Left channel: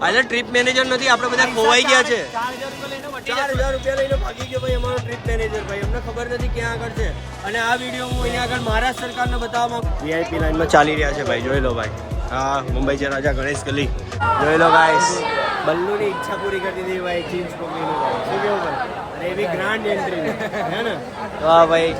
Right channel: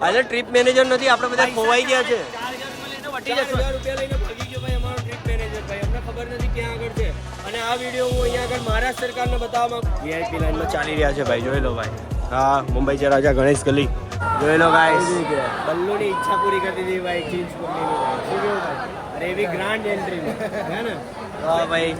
અરે trip manager નથી, આપણે બધા ખોવાઈ ગયા છે. 4,000 રૂપિયા લઈને ભાગી ગયો ભાઈ અમારો ટ્રીપ મેનેજર ભાઈ. અમને ખબર નથી ક્યાં આગળ છે. અને આ વિડીયો હું અહીંયા આગળ મહારાષ્ટ્ર સરકારને બતાવવા માંગુ. વીઆઈપી લાઈનમાં ચાલી રહ્યા છે ભાઈ, જોઈ લો ભાઈ. હા, મુંબઈ છે રાજા ગણેશ ગલી, જોઈ લો ગાઈસ. બલ્લુની ઈચ્છા પૂરી કરી દીધી ભાઈ જીન્સ પકડીને ભાઈ. શું કેવું ભાઈ? અરે એવી ગ્રાન્ડ એન્ટ્રી હે ને. વાહ ભાઈ.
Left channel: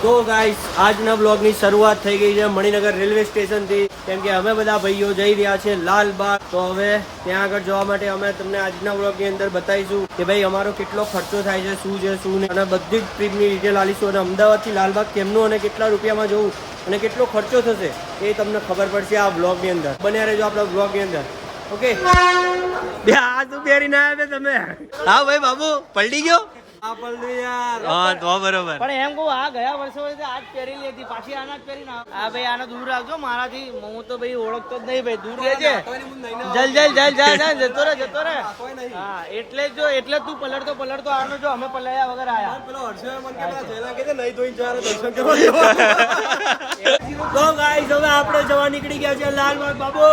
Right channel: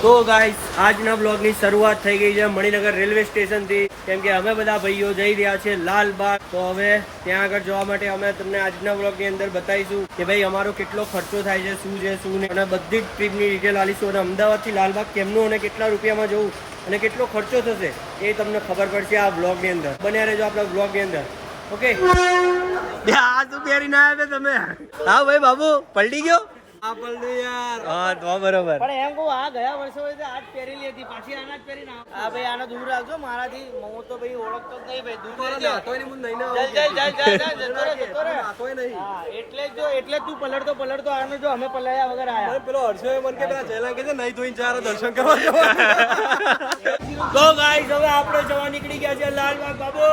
તો ગાઈસ આજના બ્લોગની શરૂઆત થઈ ગઈ છે મણિનગર રેલવે સ્ટેશનથી. કેમ કે અમે બધા ભાઈઓ જઈ રહ્યા છે લાલબાગ. તો હવે ત્યાં આગળ જવા માટે અમે તમને આજના બ્લોગની અંદર બતાવીશું કે ભાઈ અમારો કેટલો ખર્ચો થાય છે, શું છે શું નહીં, અને બધી જ ટ્રીપની ડિટેલ આલીશું. અને અમદાવાદથી લાલબાગ કેમનું અને કેટલા રૂપિયામાં જવું અને કેટલો ખર્ચો થશે એ તમને ખબર પડશે આ બ્લોગની અંદર. બન્યા રહેજો આપણા બ્લોગની અંદર. ઓકે. આ શું પહેરી ના આવ્યા તમે? હા ભાઈ બાબુ પલટી ગયો. આ પલડું યાર. હા તો બરોબર. પણ એમ કહું આ ગયા વર્ષો આજ પહેરેલી હતી, પાછી આના જ પહેરીને આ ભાઈ આનો દૂર રાખજો મારાથી. હું તો ભાઈ ઓળખતો જ નહીં ભાઈ, દૂર રહેજે. જતો રહે. હા એટલે જ તું પલળતો આનો જો અમે પલળ્યા વગર આયા. પેલો હર્ષે મન કે પેલા જયલા કે નહીં ધોઈને જવાનો દર્શન કરવા જવાનું. તો ગાઈસ હવે આપણે જવા નીકળી ગયા છે લાલબાગ બાબુ.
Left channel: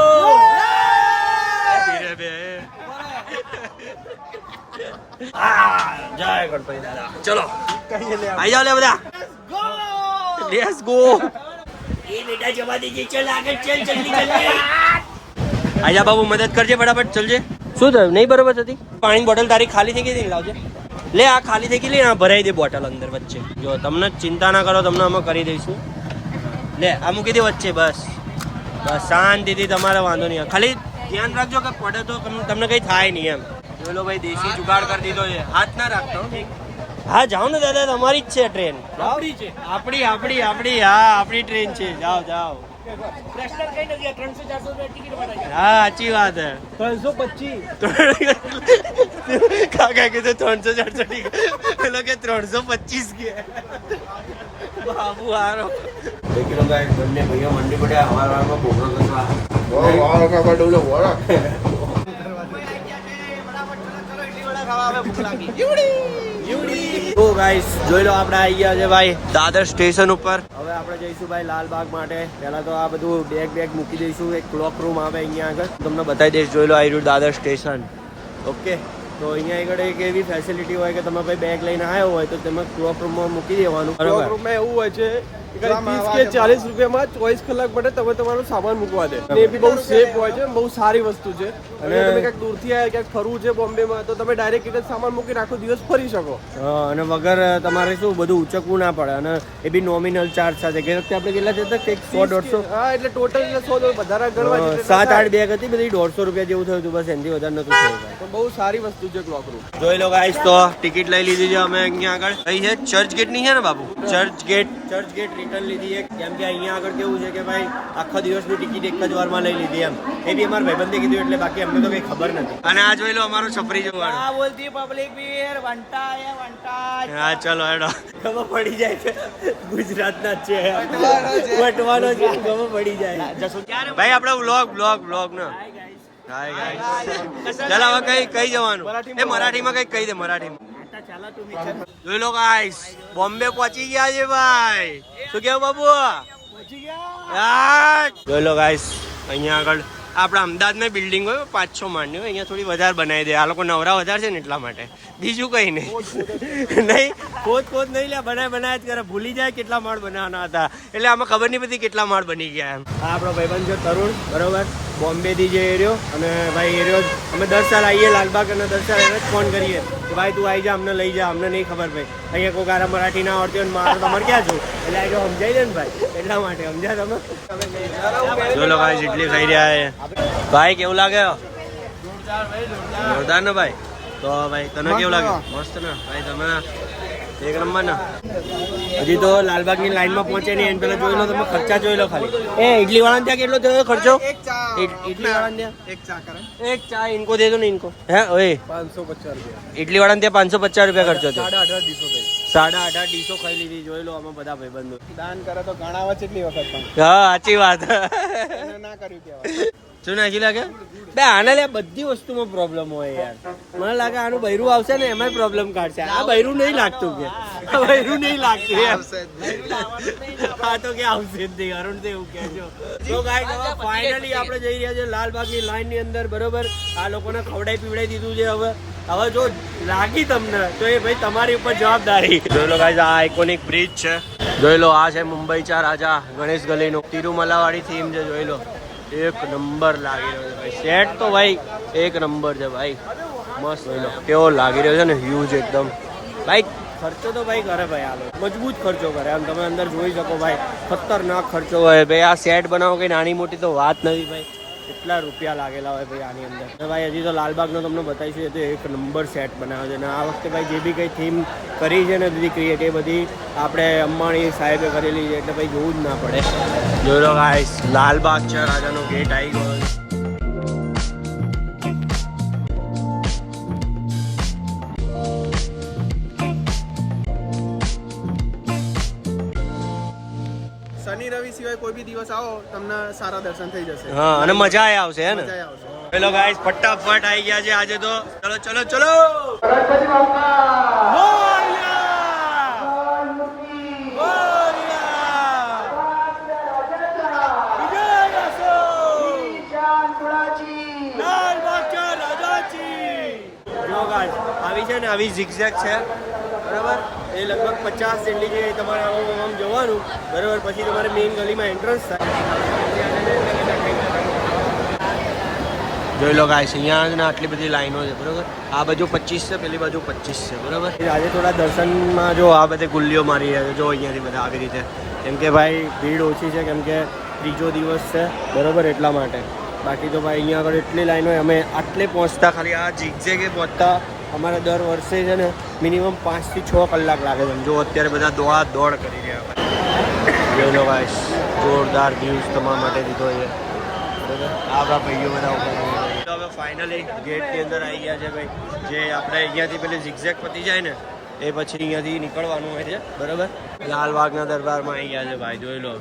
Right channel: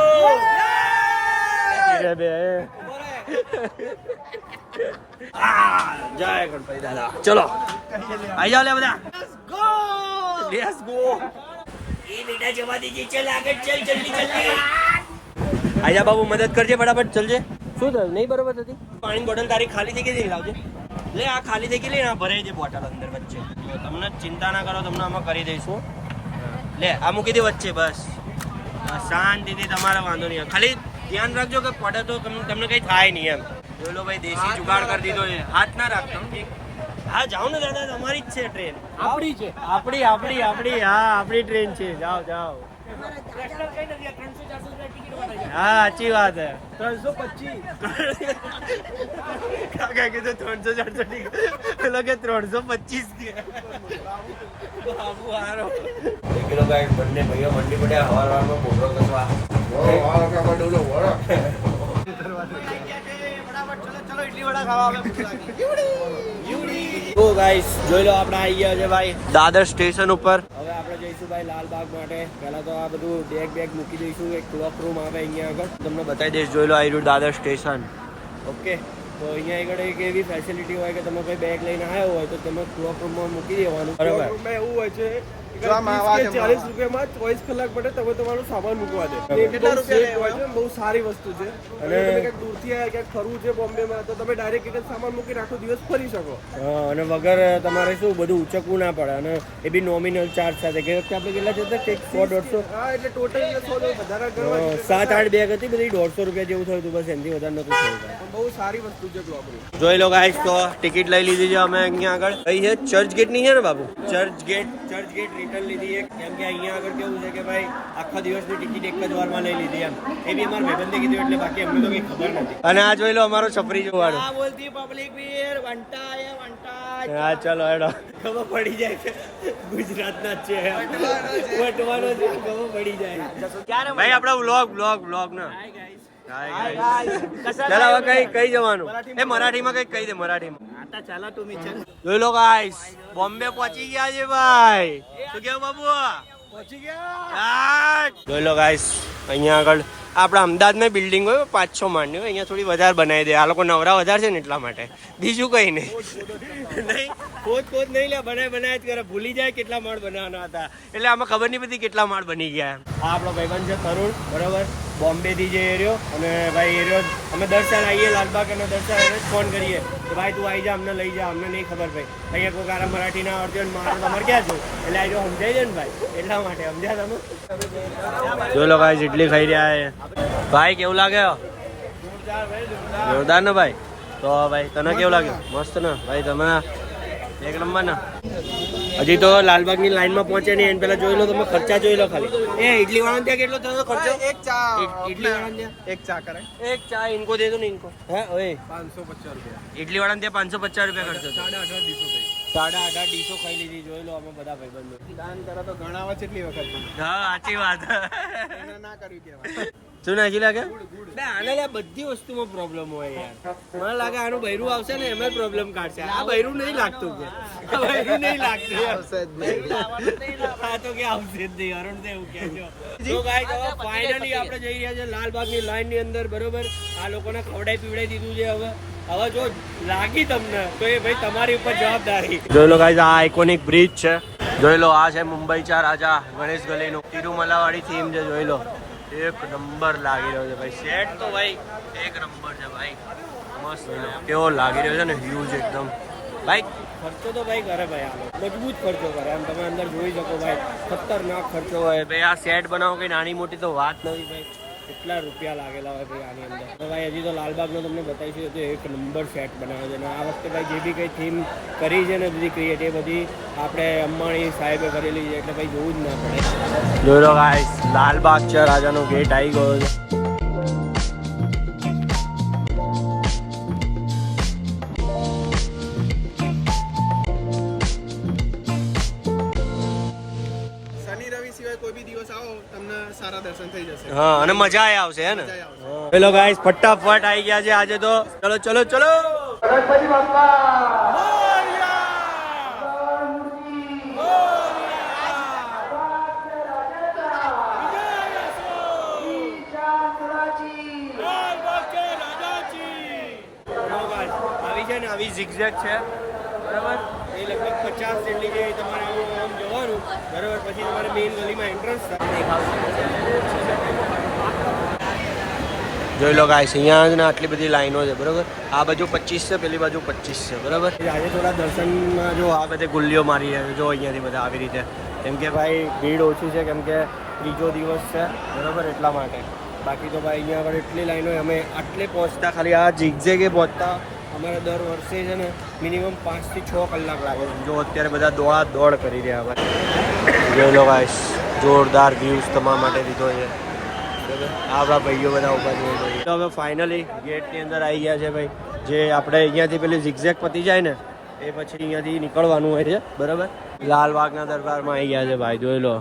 જય ગણપતિ દાદા. ચલો આઈ જાઓ લે બધા. Let's go. એ બેટા જવા દેજે. ચલ આગળ ચલ, જલ્દી જલ્દી. આઈ જા બાબુ, મદદ કરજે ફટાફટ. ચલજે. શું થયું? નહીં બરોબર થતી? પાણીની બોટલ તારી ખાલી થઈ ગઈ, લાવજે. લે આ ખાલી થઈ ગઈ, લે આ ભરાઈ દે બોટલ અંદર વચ્ચે. જો તમને ચિંતા ના કરો, તમને અમે કરી દઈશું. લે આ મૂકી દે વચ્ચે. બસ બસ શાંતિથી, તમારે વાંધો નહીં. ખાલી ધ્યાન રાખજો કે પડે તો તમને કઈ થાય નહીં એમ. જોઈ લો ભાઈ, દેશી જુગાડ કરી દીધો છે. હાથ ના રાખતો. હા જાઓ ને દાદા, તમારી જ છે ટ્રેન. આપણી છે. આપણી હા આપણી ટ્રેન છે. જાઓ જાઓ. હા સાચી વાત હે. 325 કાકા કીધું 300-400 પેલો કે 325 કે બાબુ હારો. કિલો ગાય બંને ભાઈઓ મંડી પડ્યા હવારમાં ભોગવત કરવા. તો ગાઈસ જોઈ લો આપણે આવી ગયા છે ભાઈ દાદર સ્ટેશન ઉપર. હવે આપણે જઈશું ભાઈ લાલબાગ માટે. પહેલા તો આ બધું બેગ મૂકી દઈશું. એક ક્લોક રૂમ આવે અહીંયા આગળ, તમને બતાવી દઈશ. જોઈ લો આ રહ્યું દાદર સ્ટેશન. ઓકે. તો અહીંયા આગળ એક એવી ફેસિલિટી હોય કે તમે ભાઈ બેગ લઈને આવ્યો હોય તો તમે ક્લોક રૂમમાં મૂકી દેવાનું. ક્લોક રૂમમાં એવું હોય છે 30 કે 40 રૂપિયામાં 24 કલાક માટે તમે તમારો સામાન મૂકવા દે. એ બી બહુ સેફ હોય છે, બહુ સારી વસ્તુ છે. અને તમે ક્યાંક દૂરથી આવ્યા, ક્યાંક ફરવું છે બોમ્બેમાં, તો તમે ડાયરેક્ટ એક જ સામાન મૂકીને આખો દિવસ ફરી શકો. અને વગર તમારે શું બધું ઉચકવું ના પડે. અને એ બી નોમિનલ ચાર્જ સાથે. કે વખતે આપણે કેટલા જતા કંઈક 100-150. હા એટલે ટોટલ 100 વધારે 7-8 બેગ હતી બધી 150 રૂપિયા જેવું થયું હતું. બસ એનાથી વધારે નતું થયું ભાઈ. તો બહુ સારી વસ્તુ છે ક્લોક રૂમ. જોઈ લો ગાઈસ, તો ટિકિટ લઈ લીધી છે અમે અહીંયા આગળ. કઈ છે? ચર્ચ ગેટ ની છે ને બાબુ? ચર્ચ ગેટ રિટર્ન લીધી એક. કેમ કે અહીંયા આગળ કેવું છે કે ભાઈ આખા દિવસની ટિકિટ એક જ વારમાં લઈ લીધી એમ. એ બી અમારા ભાઈબંધે કીધું એટલે, બાકી અમને તો કઈ ખબર નથી. અને આ જોઈ લો અમારો છપરી જોવાનો. આ બોલતી પબ્લિક બી વંટા. હા ચલો હેડો. ખબર પડી જાય છે ગુજરાતના જ છે, વટવાનો છે, ખબર પડી જાય. ભાઈ આપડે વ્લોગ ના. Hi guys. ચાલ હવે કઈ જવાનું? એ મરાઠીમાં કઈ કહી દે. મરાઠીમાં જોઈ લો ગાઈસ, બોમ્બે પહોંચી ગયા છે ભાઈ. શું કેવું બાબુ? પહોંચી ગયા. જોઈ લો ગાઈસ, અહીંયા આગળ આપણા અમદાવાદમાં બિલ્ડિંગ હોય 5-6 માળની હોય, અહીંયા થોડી વધારે બનાવી દે. આ લોકો નવરા વધારે છે ને એટલા માટે, બીજું કઈ નહીં. નહીં ખોદ નહીં લે, બનાય જ કરે. ભૂલી જાય કેટલા માળ બનાવવાના હતા, એટલે આમાં ખબર નહીં પડતી કેટલા માળ બની ગયા એમ. આ આપણો ભાઈબંધ છે તરુણ, બરોબર, બોમ્બે થી જે એરિયો. અને ભાઈ એરિયો અમે દર સાલ આવીએ લાલબાગ, અને દર સાલ એને જ ફોન કરીએ કે ભાઈ તું આવી જા, અમને લઈ જા. અમને નહીં ખબર ભાઈ, અહીંયા કોઈ કારા મરાઠી ના આવડતી હોય, મારે તમારે ક્યાં છું, એટલે આ જો સમજાઈ દે ને ભાઈ, એટલા માટે સમજ્યા તમે. જો લોકો ઇડલી ખાઈ રહ્યા છે ભાઈ. કેવું લાગે? જોરદાર ને ભાઈ. તો ભાઈ તને કેવું લાગે? મસ્ત ને ભાઈ? તમે એક નંબર ને. હજી તો લાલબાગની લાઈનમાં પહોંચે નહીં એને પેલા જોઈ લો તમે. ખર્ચા જોઈ લો ખાલી. એ ઇડલી વાળા ત્યાં કેટલો થયો ખર્ચો? ઇડલી વાળા ત્યાં એક ચા ઇनको દે દો ને ઇनको. હે ઓય 550 રૂપિયા. ઇડલી વાળા ત્યાં 550 રૂપિયા ખર્ચો થયો. 18.5 ડીશો થઈ. 18.5 ડીશો ખાઈ લીધી. જોઈ લો અમે બધા ભાઈબંધો. દાન કરે તો ગણાવે છે એટલી વખત પણ હા સાચી વાત. ના કર્યું કહેવાય. શું નાખી લાગે બે આના લે બધી વસ્તુમાં પ્રોબ્લેમ હોય યાર. મને લાગે આનું બૈરું આવશે ને એમાં પ્રોબ્લેમ કાઢશે. આ બૈરું નહીં લાગતું કે બૈરું નહીં લાગતું યાર. હા તો કે આવશે જ નહીં. અરુણ તો એવું કહે છો. તો ગાઈસ હવે ફાઇનલી આપણે જઈ રહ્યા છે લાલબાગની લાઈન ની અંદર. બરોબર, આ લોકોને ખવડાઈ પીવડાઈ દીધું છે. હવે જો લાગી તમને તો એ ભાઈ તમારી ઉપર જવાબદારી. જોઈ લો ગાઈસ, આ આઇકોનિક બ્રિજ છે. જોઈ લો, આ છે મુંબઈ ચા રાજા ગણેશ ગલીનું તિરુમલા વાળી થીમ છે. જોઈ લો, એક નંબર લાગી રહ્યો છે ભાઈ. સેટ તો ભાઈ એક નંબર છે ભાઈ, મસ્ત. કેવો લાગી રહ્યો છે ને, હ્યુજ એકદમ. ભાઈ ખર્ચો તો ભાઈ કરે ભાઈ, આ લોકો મજબૂત ખર્ચો કરે. આમ તમે અંદર જોઈ શકો ભાઈ, ખતરનાક ખર્ચો હોય ભાઈ. આ સેટ બનાવો કઈ નાની મોટી તો વાત નથી ભાઈ. કેટલા રૂપિયા લાગેલા હોય ભાઈ આની અંદર. ભાઈ હજી તો લાલબાગનો તમને બતાવીશું, તો એક નંબર સેટ બનાવ્યો છે. અને આ વખતે ભાઈ જે બી કંઈ થીમ કરી છે ને બધી ક્રિએટ, એ બધી આપણે અંબાણી સાહેબે કરેલી છે. એટલે ભાઈ જોવું જ ના પડે. જોઈ લો ગાઈસ, લાલબાગ છે રાજાનો ગેટ આવી ગયો છે. શનિ રવિ સિવાય કોઈ બી દિવસ આવો તમને સારા દર્શન થઈ જશે. હા, અને મજા આવશે હે ને. મજા આવશે. હેલો ગાઈસ, ફટાફટ આવી ગયા છે આજે તો. ચલો ચલો ચલો. આવી છે ને, આવી ઝિગઝેગ છે બરાબર. એ લગભગ 50 જેટલી છે. તમારે આમ જવાનું બરાબર, પછી તમારે મેઇન ગલીમાં એન્ટ્રન્સ થાય. જોઈ લો ગાઈસ, અહીંયા ને આટલી બધી લાઈનો છે બરાબર. આ બાજુ 25 છે, પેલી બાજુ 25 છે બરાબર. આજે થોડા દર્શનમાં જો આ બધે ગુલ્લીઓ મારી રહ્યા છે. જો અહીંયાથી બધા આવી રીતે, કેમ કે ભાઈ ભીડ ઓછી છે, કેમ કે ત્રીજો દિવસ છે બરાબર, એટલા માટે. બાકી તો ભાઈ અહીંયા આગળ એટલી લાઈનો. અમે આટલે પહોંચતા ખાલી આ ઝિગઝેગે પહોંચતા અમારે દર વર્ષે છે ને મિનિમમ 5 થી 6 કલાક લાગે છે. જો અત્યારે બધા દોડ કરી રહ્યા હોય. જોઈ લો ગાઈસ, જોરદાર વ્યૂઝ તમારા માટે દીધો છે બરાબર. આપણા ભાઈઓ બધા ઉભા જોઈ રહ્યા. તો હવે ફાઇનલી ગેટની અંદર આવી ગયા છે ભાઈ. જે આપણે અહીંયાથી પેલી ઝિગઝેગ પતી જાય ને એ પછી અહીંયાથી નીકળવાનું હોય છે બરાબર. લાલબાગના દરબારમાં આવી ગયા છે ભાઈ. જોઈ લો.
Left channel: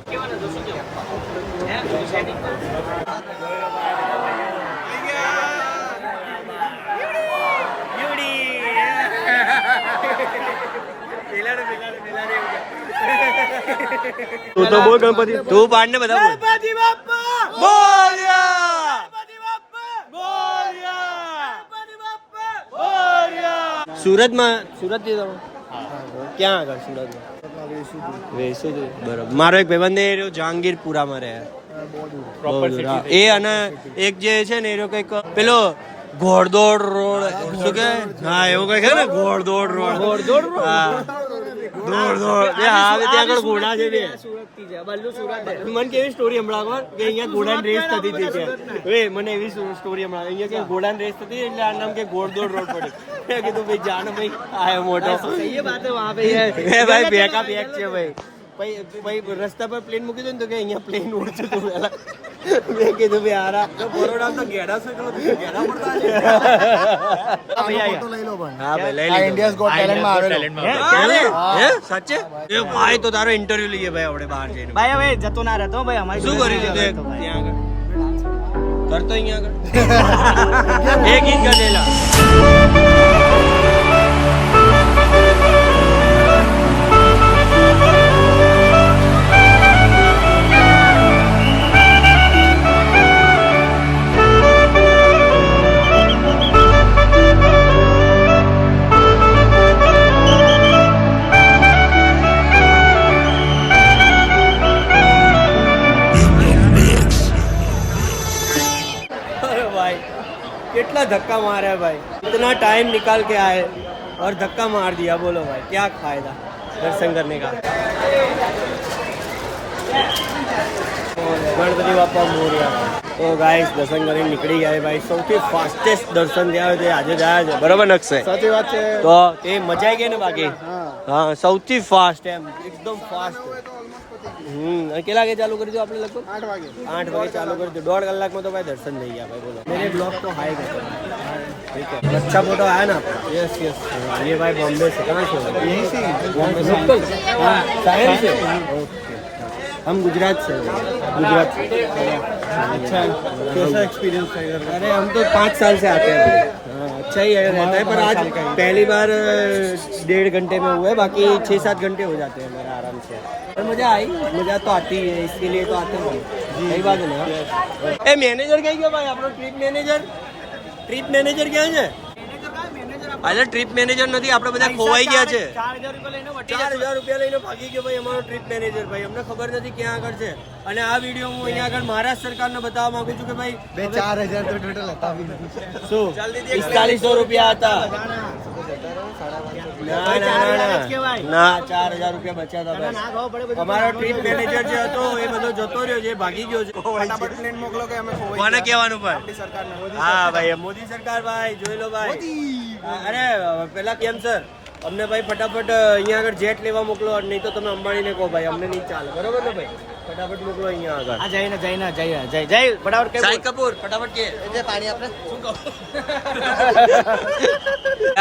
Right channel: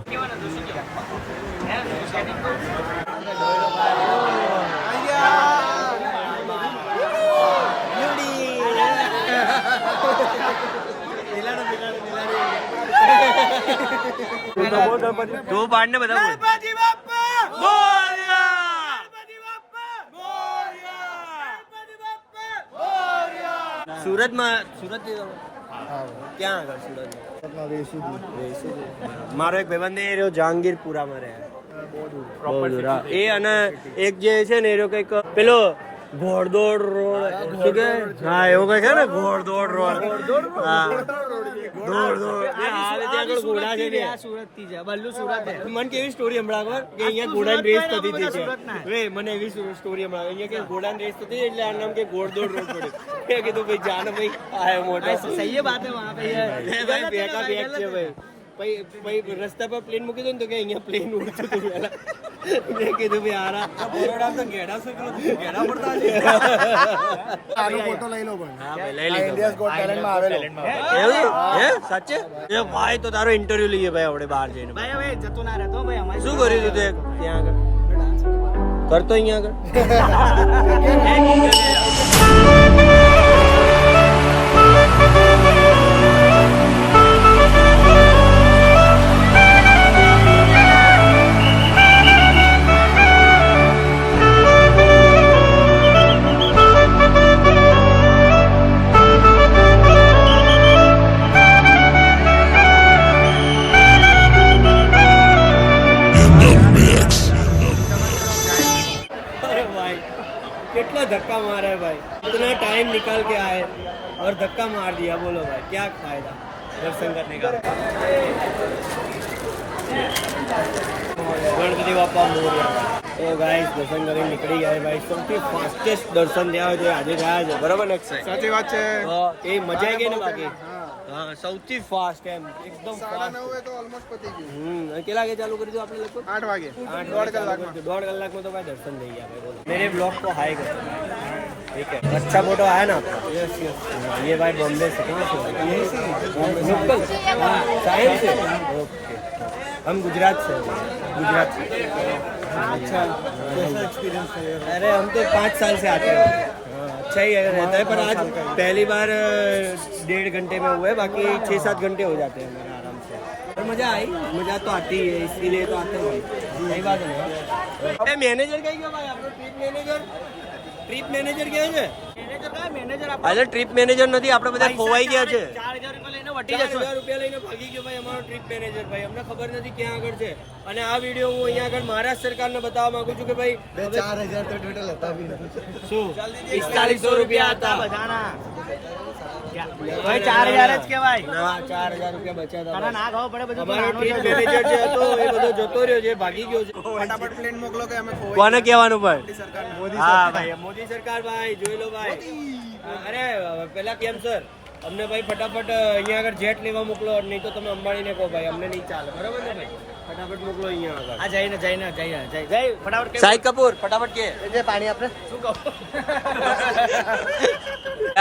તું પાડ ને બધા ગણપતિ બાપ્પા મોરયા, ગણપતિ બાપ્પા મોરયા, ગણપતિ બાપ્પા મોરયા. સુરતમાં થી તમે ક્યાં આગળ સુરતમાં? વેસુદી બરાબર. મારો એક ભાઈબંધ એ રહ્યો જહાંગીરપુરામાં રહે. બહુ દૂર. એ અને એક જે છે ને એ રહ્યો કંઈક પેલો ઘોડદોડ રોડ શું કે, હા એવું કઈ છે ને, ઘોડદોડ રોડ. હા, દોડ ત્યાં આગળ ગુણા છે. મને કેવી સ્ટોરી હમણાં કે અહીંયા ઘોડા રેસ થતી હતી છે. મને એવી સ્ટોરી હમણાં અહીંયા કે ઘોડા રેસ થતી એટલે આ નામ કે ઘોડદોડ રોડ પડ્યું. મેં કીધું ભાઈ જાને ભાઈ આ મોટા સહી વાત હે ભાઈ. બેકા બેક છે ભાઈ. રસ્તા પર પ્લેન મૂકી દો ને તો કે અહીંયા પ્લેન ઉડતું હતું પેલા. મેં કીધું ભાઈ આરા બરોડા તો ઘેડા છે, ઘેડા પડતા છે. ફોટો લઈ લો પણ. હા ભાઈ લઈ લીધો. ઇન્ડિયાઝ ગોટ ટેલેન્ટમાં આવેલો. હે સાચે? એ ભાઈ તો તારો ઇન્ટરવ્યુ લઈએ ભાઈ આપણે બહાર જઈને. ભાઈ હવે જતો ના રહેતો ભાઈ. અમારે શું કર્યું તું ત્યાં આગળ? કરતો અહીંયા આગળ એક ઇંચ ગયેલા. कितना धक्का मारा है भाई, इतना टाइम निकाल के आए और धक्का मार दिया. बोलो भाई क्या फायदा दर्शन करने का. गणपति बापा मोरया. तो गाइस दर्शन કરીને નીકળી ગયા ભાઈ. સૌથી ફાસ્ટેસ્ટ દર્શન થયા છે આજે થયા છે બરાબર નક્ષે? સાચી વાત છે. તો એ મજા આવી ગઈ ને બાકી. હા સૌથી ફાસ્ટ એમ એકદમ ફાસ્ટ. કેટલા વાગે ચાલુ કરી દીધું આપણે? લગભગ 8 વાગે ચાલુ કરી દીધું. 1.5 कलाक में तो भाई दर्शन नहीं किया भाई. बोलो मेरे ब्लॉग को हाई कर दो भाई. ठीक है, अच्छा फोटो आया ना आपका? Yes yes. ये भाई बॉम्बे से कहाँ से हो? लोकल साइंस से. ओके, हम गुजरात से. गुजरात से कैसा एक्सपीरियंस है? अरे हम तो 5 साल से आते हैं। हाँ, अच्छा ही रहता है, पर आज पहली बार 1.5 घंटे में हुए, बाकी 6-7 घंटे हो जाते हैं मेरा आराम से। पर मजा आई, मजा तो आती है, इसके लिए तो आते हैं भाई। सही बात है ना। ए मैनेजर क्या गया भाई આપણો ટ્રીપ મેનેજર ક્યાં છે? અરે ટ્રીપ મેનેજર નથી, આપણે બધા ખોવાઈ ગયા છે। 4000 રૂપિયા લઈને ભાગી ગયો ભાઈ અમારો ટ્રીપ મેનેજર ભાઈ, અમને ખબર નથી ક્યાં આગળ છે। અને આ વિડીયો હું અહીંયા આગળ મહારાષ્ટ્ર સરકારને બતાવવા માંગુ છું કે ભાઈ 4000 तो टोटल હતા भी नहीं। શું 4500 રૂપિયા હતા? ના ના ના 4000 રૂપિયા બચ્યા હતા। અમારો ટ્રીપ મેનેજર જે હતો એ બધો જતો રહ્યો છે, ભાગી ગયો છે। फटाफट प्लेन मोकलो के हमें કોને કહેવાનું પણ? सरकार ने હા ભાઈ મોદી સરકાર ભાઈ જોઈ લો ભાઈ। અરે પેલા કેમ સર અમને ભાઈ ફટાફટ અહીંયા આગળ જેટ લેવા મોકલો, નહીં તો તમે અંબાણીને કહો ભાઈ, અમને નહીં ચાલે, બરોબર ને ભાઈ? ફટાફટ મોકલો અહીંયા આગળ। આ જઈને જઈને જઈ ફટાફટ સાહિદ કપૂર ફટાફટ કે પાણી આપણે શું કહો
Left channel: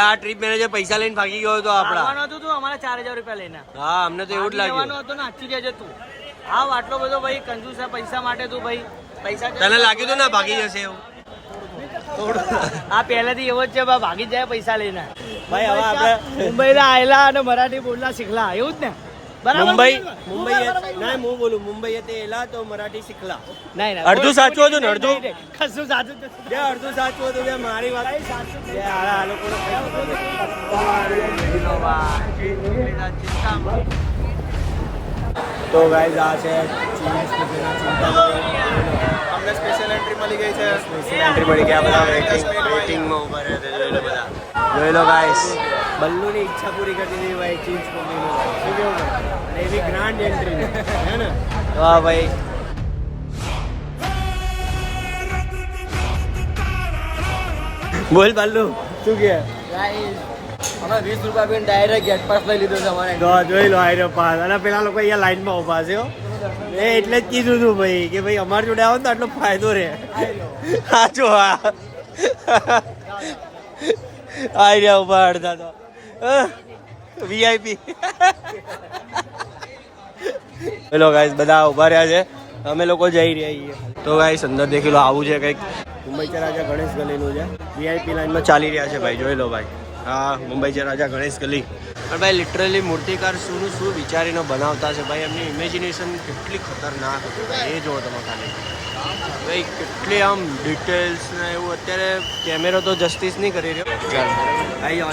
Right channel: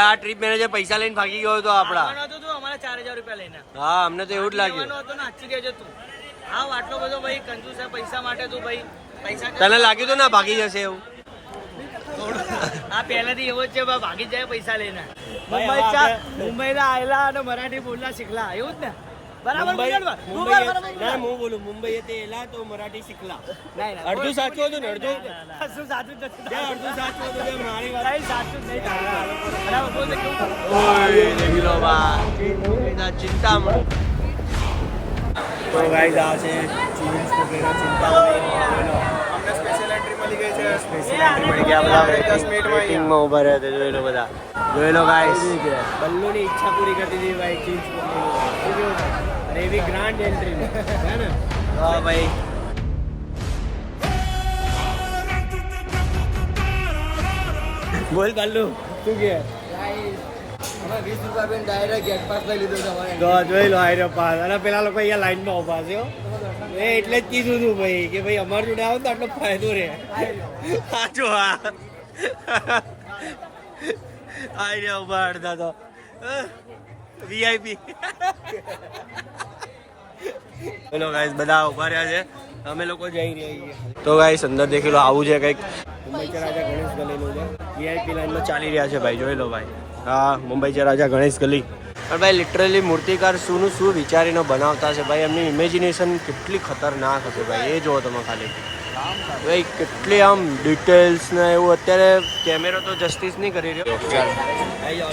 આ ટ્રીપ મેનેજર પૈસા લઈને ભાગી ગયો હતો આપડા। તું અમારે 4000 રૂપિયા લઈને હા અમને તો એવું જ લાગ્યું। હતું ને સાચું કહેજે તું, આવ આટલો બધો ભાઈ કંજૂસ છે પૈસા માટે તું ભાઈ પૈસા તને લાગ્યું તો ના ભાગી જશે એવું? આ પહેલેથી એવો જ છે ભાગી જાય પૈસા લઈને ભાઈ હવે આપણે મુંબઈ ના આયેલા અને મરાઠી બોલલા શીખલા એવું જ ને બરાબર મુંબઈ નહીં હું બોલું મુંબઈ તે એલા તો મરાઠી શીખલા। નહીં અડધું સાચું હતું ને અડધું કશું સાચું જ નથી. બે અડધું સાચું હતું બે મારી વાત સાચું જ નહીં. આ લોકોને ઓય દેખી લો ભાઈ ચિંતા તો ગાઈસ આ છે ચીઝ કે તેના ચિંતા हमें स्पेशल एंट्री मिल गई है। સ્પેશિયલ એન્ટ્રી મળી ગયા, બધા વેટિંગમાં ઊભા રહ્યા છે। જોઈ લો બધા, જોઈ લો ગાઈસ બલ્લુની ઈચ્છા પૂરી કરતી હતી ભાઈ ચીઝ કોફીની ભાઈ, શું કેવું ભાઈ? અરે એવી ગ્રાન્ડ એન્ટ્રી હે ને? વાહ ભાઈ બોલ બલ્લુ શું કે? અમે 20 રૂપિયા આપીને ડાયરેક્ટ ગેટ પાસ લઈ લીધો છે અમારે તો જોઈ લો આયરો પાસ, અને પેલા લોકો અહીંયા લાઈનમાં ઊભા છે હો। એ એટલે જ કીધું હતું ભાઈ કે ભાઈ અમારી જોડે આવો ને તો આટલો ફાયદો રહે। સાચો હા આઈ રહ્યા ઉભા અડધા તો વીઆઈપી। ચલો ગાઈસ બધા ઉભા રહ્યા છે, અમે લોકો જઈ રહ્યા છીએ। તો ગાઈસ અંદર દેખી લો આવું છે કંઈક મુંબઈ છે રાજા ગણેશ ગલીનું છે, વીઆઈપી લાઈનમાં ચાલી રહ્યા છે ભાઈ, જોઈ લો ભાઈ। હા મુંબઈ છે રાજા ગણેશ ગલી, પણ ભાઈ લિટરલી મૂર્તિકાર શું વિચારીને બનાવતા છે ભાઈ, એમની ઇમેજિનેશન કેટલી ખતરનાક હશે ભાઈ, એ જુઓ તમે ખાલી ભાઈ કેટલી આમ ડિટેલ્સ ને એવું। અત્યારે કેમેરો તો જસ્ટિસ નહીં કરી રહ્યો। ચાલ આયો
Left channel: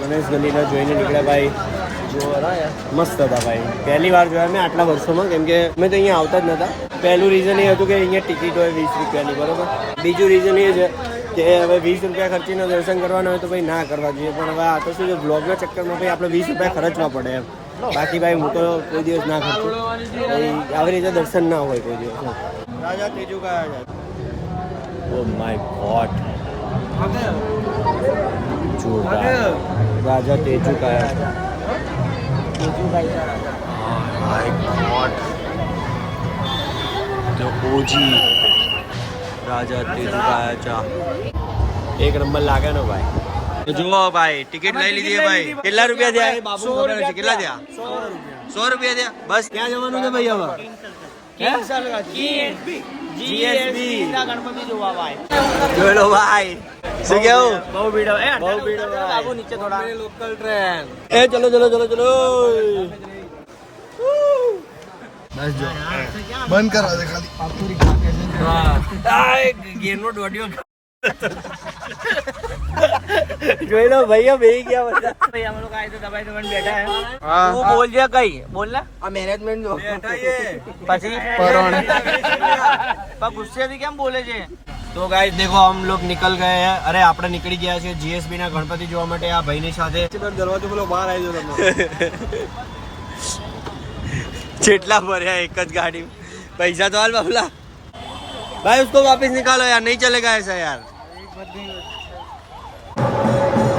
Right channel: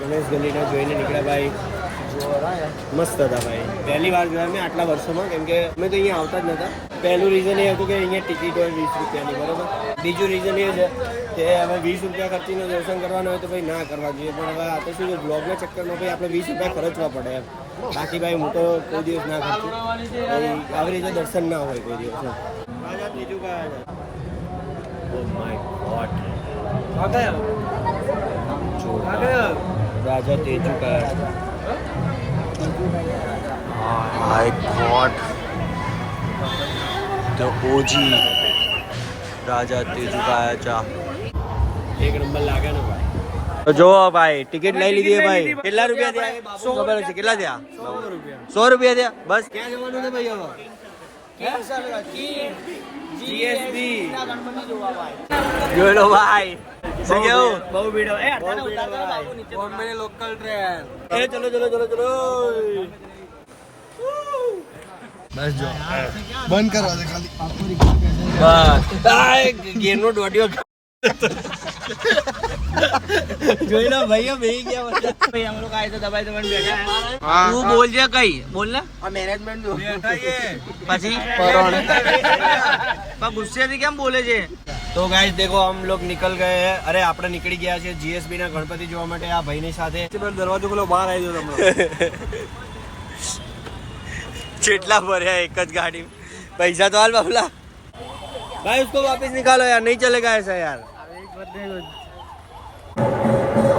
ગણેશ ગલીને જોઈને નીકળ્યા ભાઈ, મસ્ત હતા ભાઈ, પહેલી વાર જોયા મેં આટલા વર્ષોમાં, કેમ કે અમે તો અહીંયા આવતા જ નહોતા। પહેલું રીઝન એ હતું કે અહીંયા ટિકિટ હોય 20 રૂપિયાની, બરોબર। બીજું રીઝન એ છે કે હવે 20 રૂપિયા ખર્ચીને દર્શન કરવાના હોય તો ભાઈ ના કરવા જોઈએ, પણ હવે આ તો શું છે બ્લોગના ચક્કરમાં ભાઈ આપણે 20 રૂપિયા ખર્ચવા પડે એમ, બાકી ભાઈ હું તો કોઈ દિવસ ના ખર્ચું ભાઈ, આવી રીતે દર્શન ના હોય કોઈ દિવસ। રાજા તેજુ કયા છે? ઓ માય ગોડ રાજા તેજુ કયા છે? માય ગોડ ધ ઓજી રાજા તેજુ કયા ચા, એક નંબર લાગે ને ભાઈ। તો જો ભાઈ ટિકિટ લઈ લીધી ભાઈ, કેટલા રૂપિયા થયા શું ખબર છે? કેટલા થયા? 100 રૂપિયા થયા બસ। ક્યાં જવાનું છે ભાઈ હવે? જીએસબી જોઈ લો ભાઈ, શું કેવું? બહુ ભીડ એ બહુ ભીડ બોમ્બે લોકલ ટ્રેન એ ચલો ચલો ચલો ચલો बंद करा दे खाली બસ ગેરનો દોડ્યો જોઈ લો ભાઈઓ બેહી ગયા બધા ભાઈ અમે લોકો આયે તો દબાઈ દબાઈને બેઠા હે હા તું બોલ જે કઈ બોલ ને આ મેનેજમેન્ટ નો પછી પણ ગુસ્સેથી કેમ બોલે છે? तो गाइस देखो हम लोग निकल गए हैं, अरे આપણે નીકળી ગયા છે જીએસબી ના ગણપતિ જોવા માટે આ ભાઈની સાથે। दरवाजा बोलो बाहर आई जाओ तुम જેટલા ભર્યા એક જ ગાડી, પૈસા તો હાલ બાબલા भाई, उसको वापस निकालो यार, नहीं चलेगा ऐसा यार।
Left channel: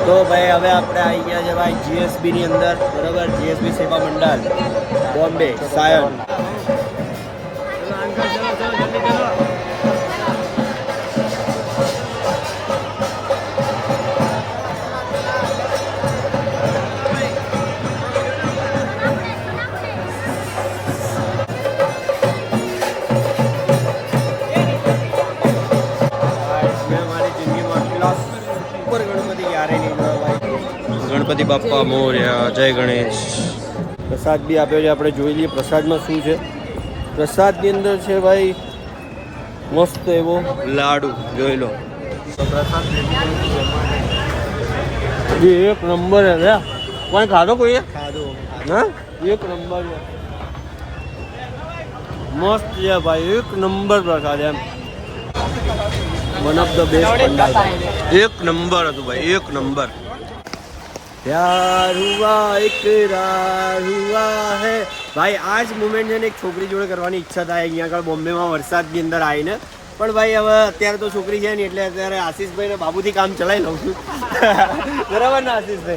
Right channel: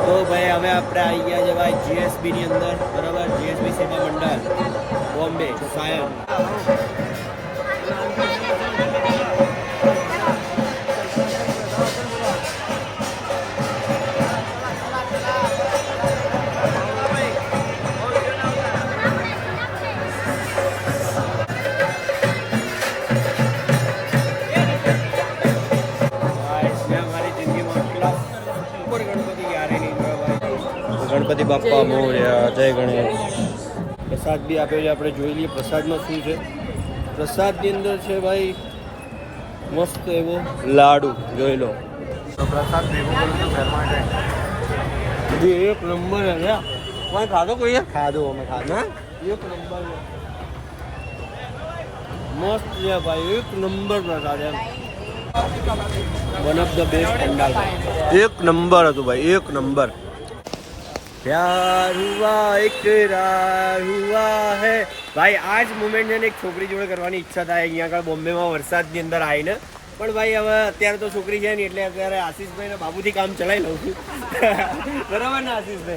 तो भाई હવે આપણે આવી ગયા છે ભાઈ જીએસબી ની અંદર, બરાબર, જીએસબી સેવા મંડળ બોમ્બે સાયન। ગણપતિ બાપ્પા મોર્યા, જય ગણેશ. પ્રસાદ બી આપ્યો છે, આપણે જોઈ લઈએ પ્રસાદમાં શું છે. પ્રસાદની અંદર છે ભાઈ મસ્ત એવો લાડુ, જોઈ લો. પ્રસાદ ભેગું કરું છું ઘર માટે. એક નંબર છે. કોઈ ખાધો કોઈ ખાધું ના? એક નંબર છે, મસ્ત છે ભાઈ, એક નંબર પ્રસાદ એમ. One of the best pandal ભાઈ, એક નંબર હતું ભાઈ, એક નંબર. પ્યાર હુઆ ઇકરાર હુઆ હે. ભાઈ આ જ મુમેન્ટ છે ને એક છોકરી જોડે કરવાની ઈચ્છા થાય અહીંયા આગળ બોમ્બેમાં વરસાદની અંદર આવીને. પણ ભાઈ હવે અત્યારે તો છોકરી છે ને એટલે અત્યારે આશીષભાઈ ને બાબુથી કામ ચલાવી લઉં છું. બરાબર ને આશીષભાઈ?